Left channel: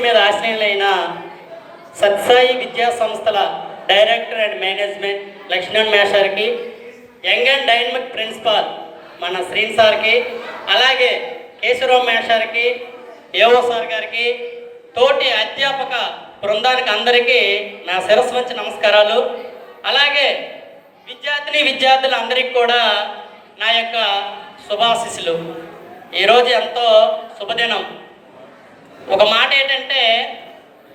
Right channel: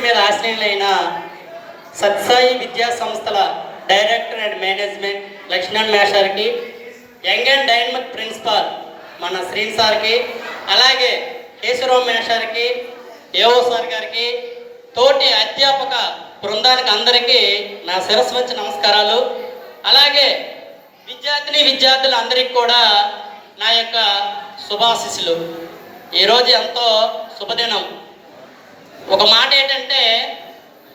వేదిక మీద ఆశ్రయులైన సత్సాయి విద్యా సంస్థల డైరెక్టర్ అండ్ మేనేజ్మెంట్ లక్ష్మణ్ మేషార్కి, యంగ్ అండ్ డైనమిక్ ప్రిన్సిపాల్ మన శ్రీన్ సార్కి, అలాగే కేశవరావు మేషార్కి, ఏఓ సార్ గారికి, తోటి అధ్యాపక బృందానికి అందరికీ నా శిరస్సు వంచి నమస్కారాలు. అలాగే విద్యార్థులు అందరికీ కూడా నా యొక్క శుభాశీస్సులు. ఈరోజు ఎంతో శుభదినం. ఒక మాట ఏంటంటే,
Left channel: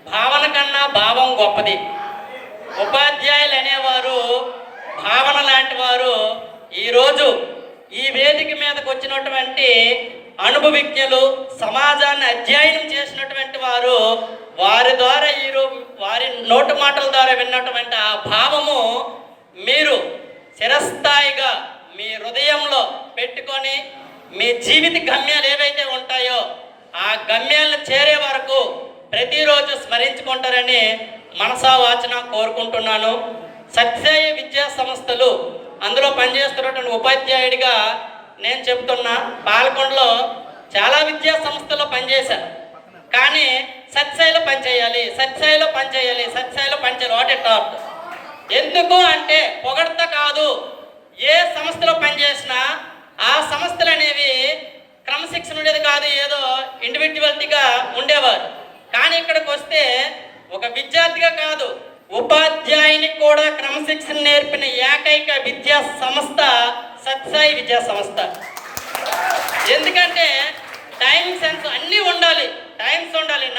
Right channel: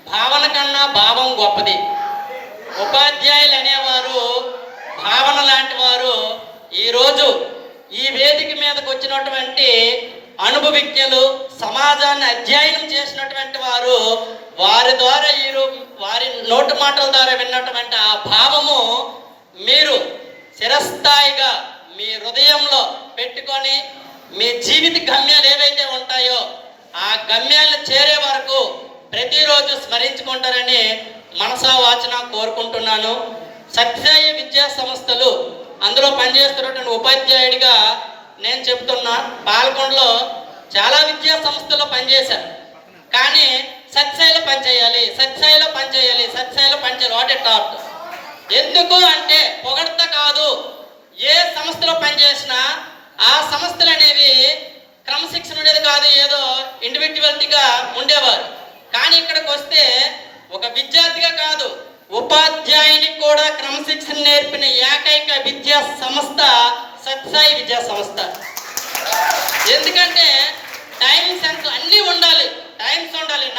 భావన కన్నా భావం గొప్పది. ఉపాధ్యాయులు అనేవారు భావన లాంటి వారు. ఈరోజు ఈ వేదిక మీదకి వచ్చినటువంటి అనుభవిజ్ఞులు, సమాజాన్ని అధ్యయనం చేసినటువంటి వారు, వారి ద్వారా వారి నోటి మాటల ద్వారా విన్నటువంటి ఆ భావము మీరు చిరస్థాయిగా మీ హృదయంలో పెట్టుకొని మీ జీవిత గమ్యాలు ఏవైతే ఉంటాయో ఆ గమ్యాలను చేరే వరకు ప్రతిరోజు స్మరించుకుంటారని మనసా వాచన కోరుకుంటున్నాను. సత్సాయి విద్యా సంస్థలు అందులో పనిచేస్తున్నటువంటి ఉపాధ్యాయుడిగా నేను చెప్తున్నా, పాలకొండలో చాలా విద్యా సంస్థల్లో పనిచేశాను. కానీ సత్సాయిలో పనిచేయాలి వాట్ ఎ టాప్. ఎందుకు అంటే పొగడత కాదు. ఏ సంస్థలో పనిచేసినా ఆ సంస్థలు అనేవి క్రమశిక్షణ ఉండేది కాదు, ఏదో ఇండివిజువాలిటీగా ఉండేవారు. కానీ ఇక్కడికి వస్తే ఒక విద్యార్థిగా కాదు, ఉపాధ్యాయునికి కూడా క్రమశిక్షణ నేర్పిన ఏకైక విద్యా సంస్థ సత్సాయి విద్యా సంస్థ. ఎందుకంటే టైం సెన్స్ అన్నీ ఉండాలి,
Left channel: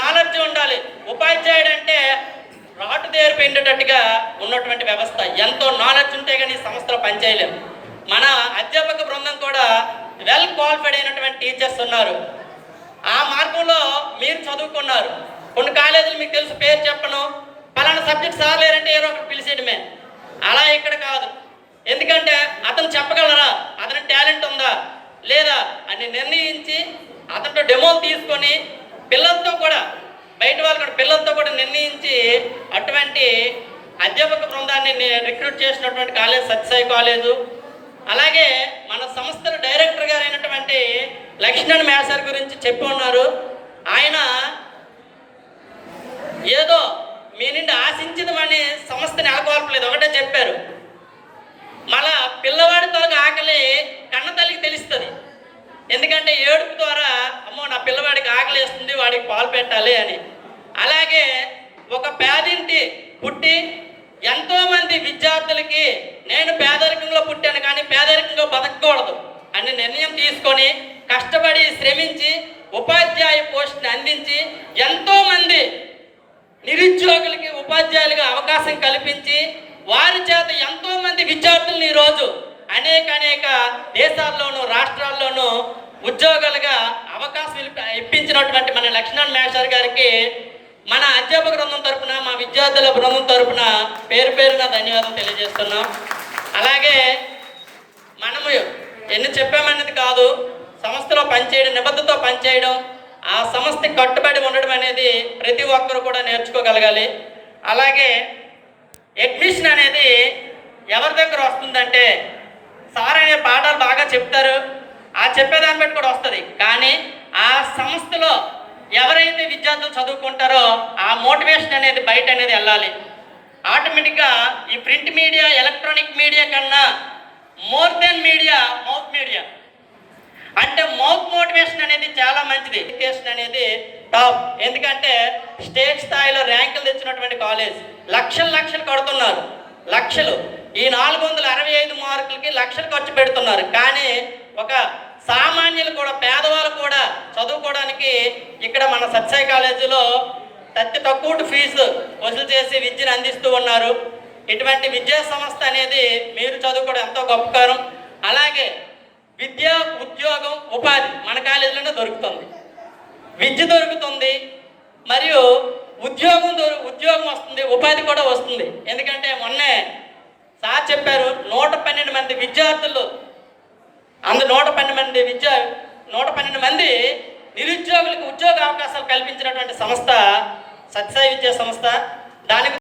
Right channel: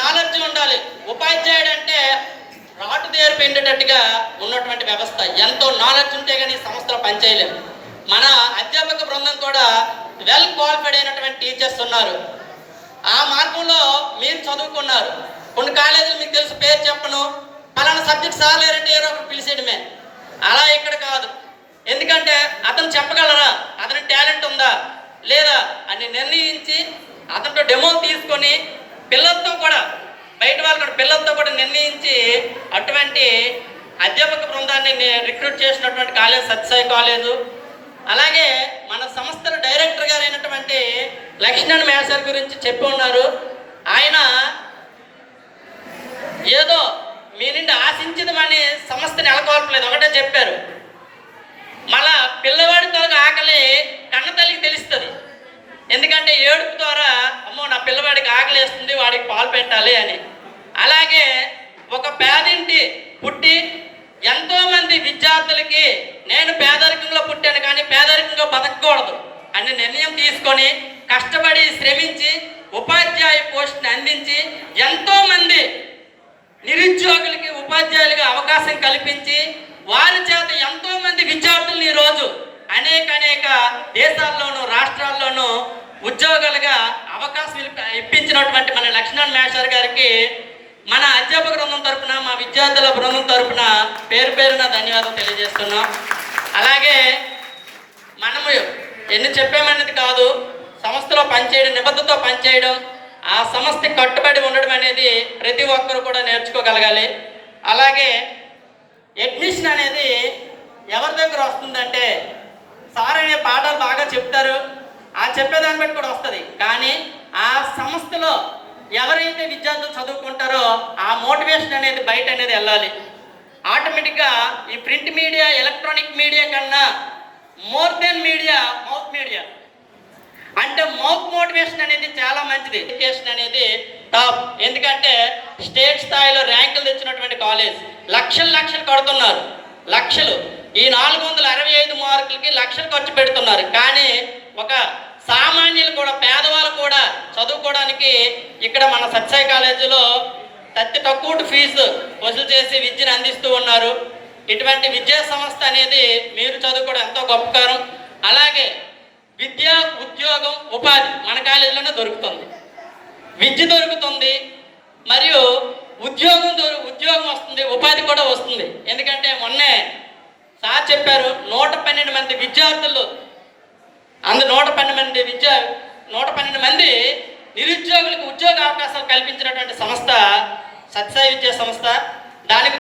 నాలెడ్జ్ ఉండాలి. ఉపాధ్యాయుడు అంటే రాటు దేరు పెండేటట్టుగా ఉన్నటువంటి వ్యవస్థ. ఎంతో నాలెడ్జ్ ఉంటే కానీ సంస్థలో పనిచేయలేము. మన అధ్యాపక బృందం కూడా వెల్ క్వాలిఫైడ్ అయినటువంటి టీచర్స్ ఉన్నారు. ఆ మార్గంలో మీరు చదువుకున్నారు. కొన్ని కాలేజీలు మీకు తెలుసు, పేరు చెప్పను, పలానా సబ్జెక్ట్ సార్ లేరంటే ఏదో ఒకటి పిలిచేయడమే. అలా ఇక్కడ కాదు. ఎందుకంటే అతను చెప్పగలరా, అతని టాలెంట్ ఉందా లేదా అని నిర్ణయించి అతనితో డెమో తీసుకొని పిల్లలతో కూడా, బయట వాళ్ళు కూడా పిల్లలతో కూడా నిర్ణయించి అటువంటి అధ్యాపక బృందాన్ని రిక్రూట్ చేసినటువంటి కాలేజ్ సత్సాయి కాలేజు. అలాగే మన సంస్థల డైరెక్టర్ గారు అయినటువంటి లక్ష్మణ్ మేషార్ గురించి చెప్పి ఉన్నారు. ఆయన ఏదో మీ నుండి ఆశించదమని సంస్థని నెలకొల్పలేదు, ఒకటే చెప్పారు. మళ్ళా పిల్లవాడితో ఆకలి కన్న తల్లికి తెలుస్తుంది. ఎందుకంటే ఏడుపు ద్వారా, అమ్మో నా పిల్లవాడికి ఆకలి వేస్తుంది, వాడికి పాలు పెట్టాలి అని. అలాగే ఒక పేదింటి పుట్టి ఎంతోమంది విద్యార్థులకి నేను పేదరికంలో పుట్టాను కానీ పేదరికంగా బతకకూడదు అని నిర్ణయం తీసుకొని కష్టపడి శ్రమించి ఉపాధ్యాయ పోస్ట్ని అందించి ఎంతోమంది నిరుద్యోగులకి ఉపాధ్యాయులుగా అవకాశం కల్పించి వారి చేత ఎంతోమంది విద్యార్థులను ఈరోజు అనేక దేశాల్లోనూ రాష్ట్రాల్లోనూ ఉద్యోగాలుగా అవకాశం ఇప్పించినటువంటి మన లక్ష్మణ్ మేషార్ గారికి మన అధ్యాపక బృందం తరపున, మా విద్యార్థుల బృందం తరపున పేరున ధన్యవాదాలు తెలియజేస్తున్నాం. అలాగే మనము ఎన్ని చెప్పామనేది కాదు, సంస్థలో పనిచేయడం, నిబద్ధతతో పనిచేయడం, ఆ సంస్థకి కట్టుబడి ఉండడం అనేది ప్రతి ఒక్కరు కూడా నేర్చుకోగలగాలి. అలాగే అడ్మిషన్ అనేది ఎవరి దగ్గర వస్తుందంటే, సార్ అనే పాఠాలు బాగా చెప్తారు, ఆ చెప్పేదాన్ని బట్టి కూడా వస్తుంది. కానీ ఆ సంస్థలో ఎవరైతే విద్యార్థులు చదువుకుంటారో ఆ మోటివేషన్ అనేది బయట అనేది వెళ్ళాలి. ఆటోమేటిక్గా ఈ ప్రింట్ మీడియా, ఎలక్ట్రానిక్ మీడియా కన్నా more than media mouth media. అంటే మౌత్ మోటివేషన్ అనేది చాలా మంచిది. ఎడ్యుకేషన్ అనేది టాప్. ఎందుకంటే స్టేట్ స్థాయిలో ర్యాంకులు తెచ్చినటువంటి కాలేజ్ లక్షలు కడుతున్నారు. లక్షలు, ఈ 465 మార్కులకి లక్షలు ఖర్చు పెడుతున్నారు. కానీ ఒక సామాన్యులు కూడా, పేదవాళ్ళు కూడా చదువుకోవడానికి ఇక్కడ మన సత్సాయి కాలేజీలో అతి తక్కువ ఫీజు వసూలు చేసి విద్యను అందిస్తూ ఉన్నారు. ఇటువంటి విద్యా సంస్థ అనేది మీరు చదువుకోవడం ఎంతో గొప్పకారం. అలాగే విద్య, ఉద్యోగం, ఉపాధి మన కాలేజీలోనే దొరుకుతుంది. విద్య దొరుకుతుంది, మరియు ఉద్యోగం వస్తుంది, ఉపాధి కూడా వస్తుంది. ఎందుకంటే మొన్నే సార్ చెప్పారు, 112 మంది విద్యార్థులు, 112 మంది నిరుద్యోగులకు ఉద్యోగ అవకాశాలు కల్పించినటువంటి సంస్థ సత్సాయి విద్యా సంస్థ. దానికి